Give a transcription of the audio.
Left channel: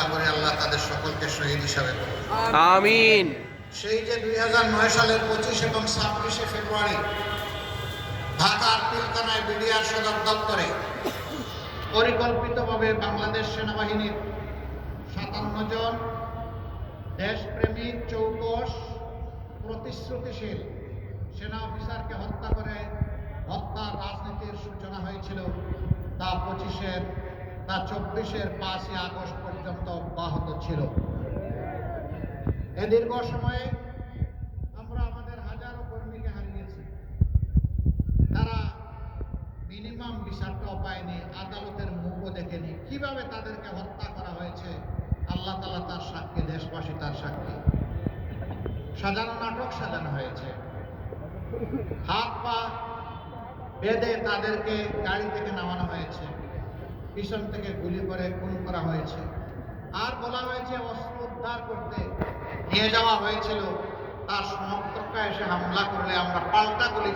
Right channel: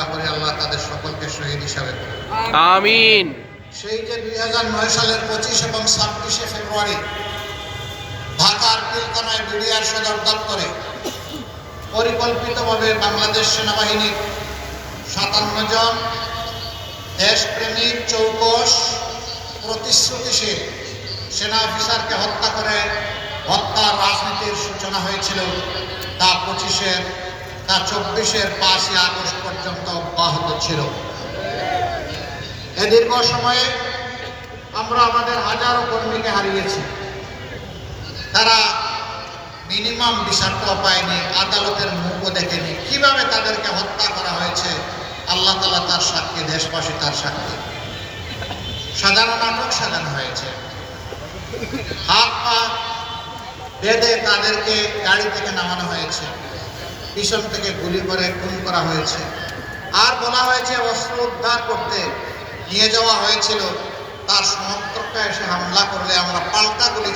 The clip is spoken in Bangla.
দোয়া করি আল্লাহ তাদের সকলকে শহীদ হিসাবে আমিন। সেই যে দুই হাজার নয় সালের পঁচিশ এবং ছাব্বিশে ফেব্রুয়ারি ঢাকার পিলকানায় বিডিআর সদর দপ্তরে পরিকল্পিতভাবে বাংলাদেশ সেনাবাহিনীর সাতান্ন জন দেশপ্রেমিক চৌকস প্রতিশ্রুতিশীল সেনা অফিসারকে হত্যা করে হত্যার রাজনীতির সূচনা হয়েছিল তা পঁচিশের তা চব্বিশের পাঁচই আগস্ট পর্যন্ত অব্যাহত ছিল। এ দীর্ঘ সময়ে আমরা আমাদের হাজারো কর্মীকে হারিয়েছি। তারা মিনিমাম বিচারটাও পায়নি, আদালতের মুখও দেখেনি। কীভাবে তাদেরকে হত্যা করা হয়েছে, আল্লাহ তালা তার সাক্ষী, দেশবাসী তার সাক্ষী। সাজানো নাটক সাজানো হয়েছে। হাত পা বেঁধে তাদেরকে গাড়ি থেকে নামানো হয়েছে। পিছন থেকে গুলি করে খুন করা হয়েছে। আর বলা হয়েছে অস্ত্র উদ্ধার করতে নিয়ে যাওয়া হয়েছিল। তার সমর্থকটা এসে হামলা করলে আমরা পাল্টা গুলি